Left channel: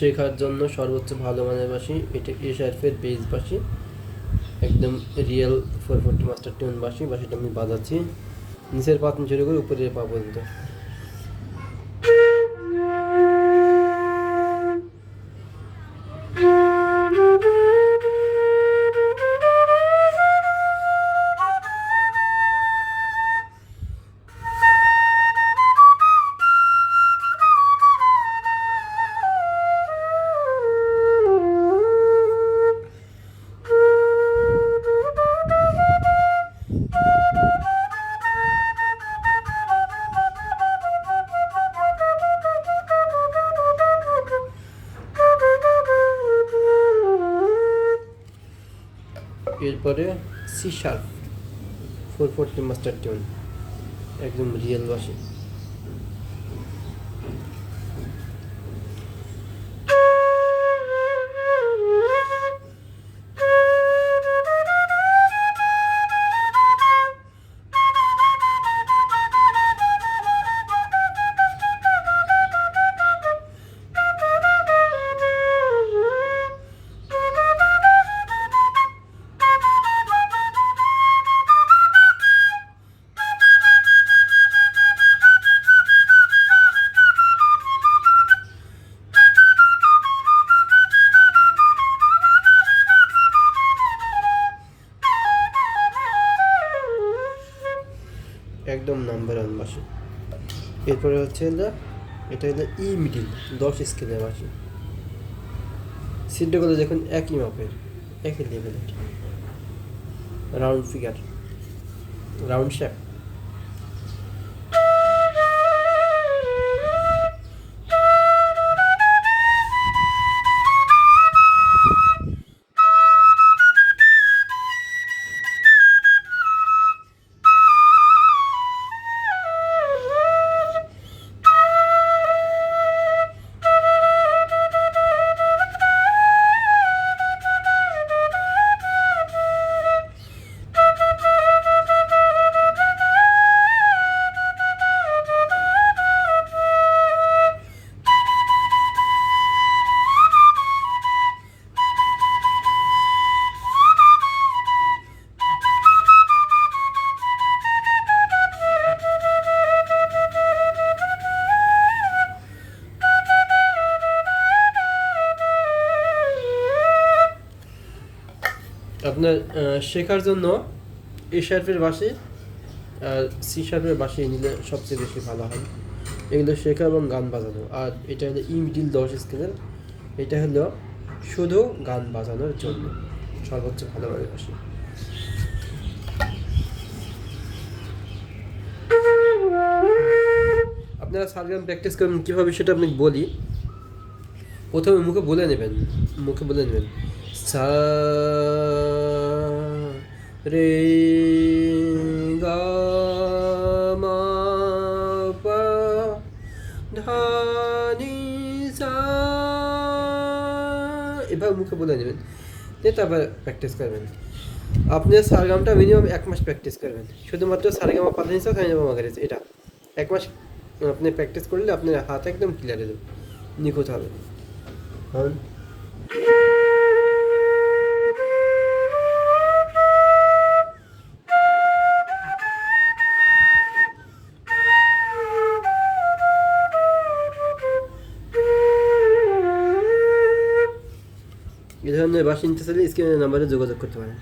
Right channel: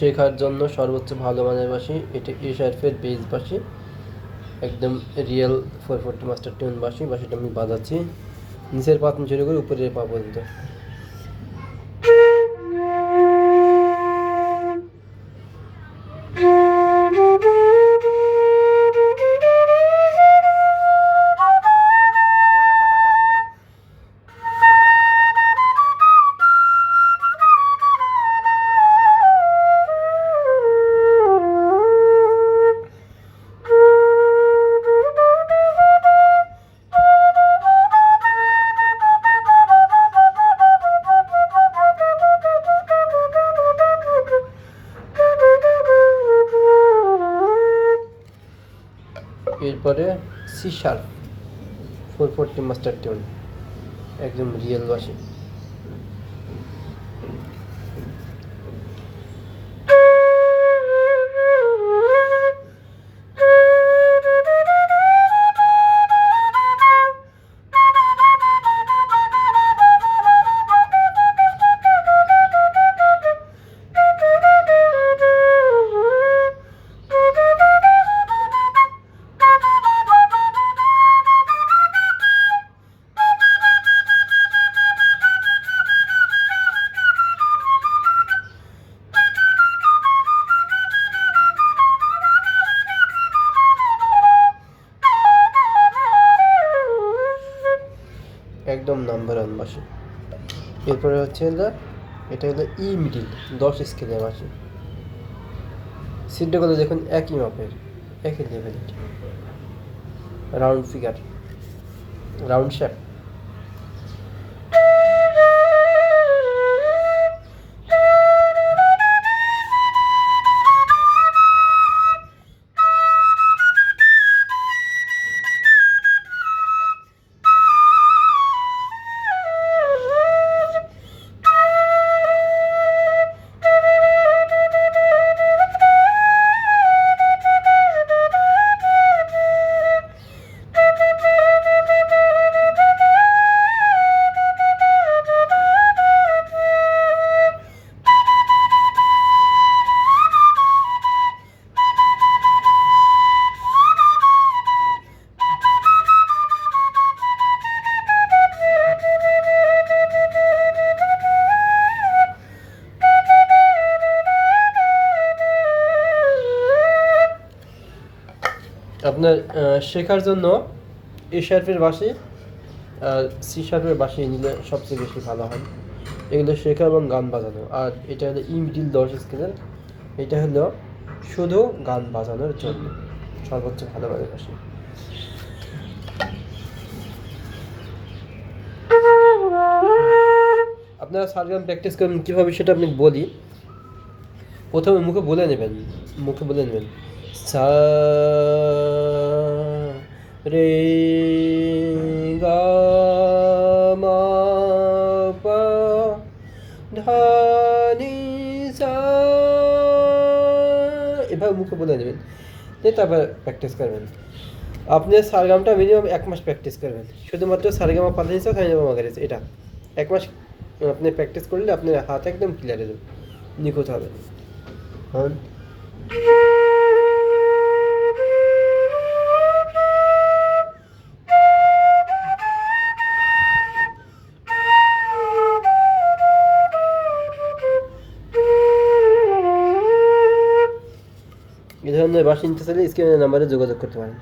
শেখার জন্য সর্বোচ্চ ভালো মানের বাঁশি। এটা এশারফের বেস বাঁশি, একদম রিয়েল 440 মাস্টার টিউন বাঁশি। বাঁশিটা আমি বাজাচ্ছি নিচের পাতন শুরু করে উপরের পা পর্যন্ত। এরপরে সি শার্প 440 মাস্টার টিউন, একদম রিয়েল বাঁশি। একদম নাম্বার ওয়ান বাঁশি। এরপরে হচ্ছে এটা হলো ই মিডিল 10 স্কেলের বাঁশি। সিটগুলো দেখুন একই মাপের, একই লেভেলের, রাউন্ড ফিগার, রাউন্ড শেপ। আপনার শেখার জন্য এ শার্পের বাঁশি আর সি শার্পের বাঁশি নিলে সবচেয়ে বেশি ভালো হয়, এগুলো শেখা এবং গান বাজানো। আর এটা হলো ই মিডিল 10 স্কেলের, এটা হলো শুধু গান বাজানোর জন্য সর্বোচ্চ ভালো মানের বাঁশি। আপনারা সারগাম প্র্যাকটিস করবেন কীভাবে সেটা আমি বলি। প্রথমে মুখে বলে নেবেন সা রে গা মা পা ধা নি সা, এভাবে মুখে বলে নেবেন, তারপর প্র্যাকটিস করবেন। আপনি সারগামটা মিনিমাম 1 মাস প্র্যাকটিস করবেন, শুধুমাত্র সারেগামা পাধা নিচা সারেগামা মাগা নিচা, এটা 1 মাস আপনি প্র্যাকটিস করলে আপনার হাত একদম ক্লিয়ার হয়ে যাবে, নিখুঁত হবে। হন এ ধরনের বাঁশি নিতে চাইলে স্ক্রিনের নাম্বারে যোগাযোগ করতে পারেন।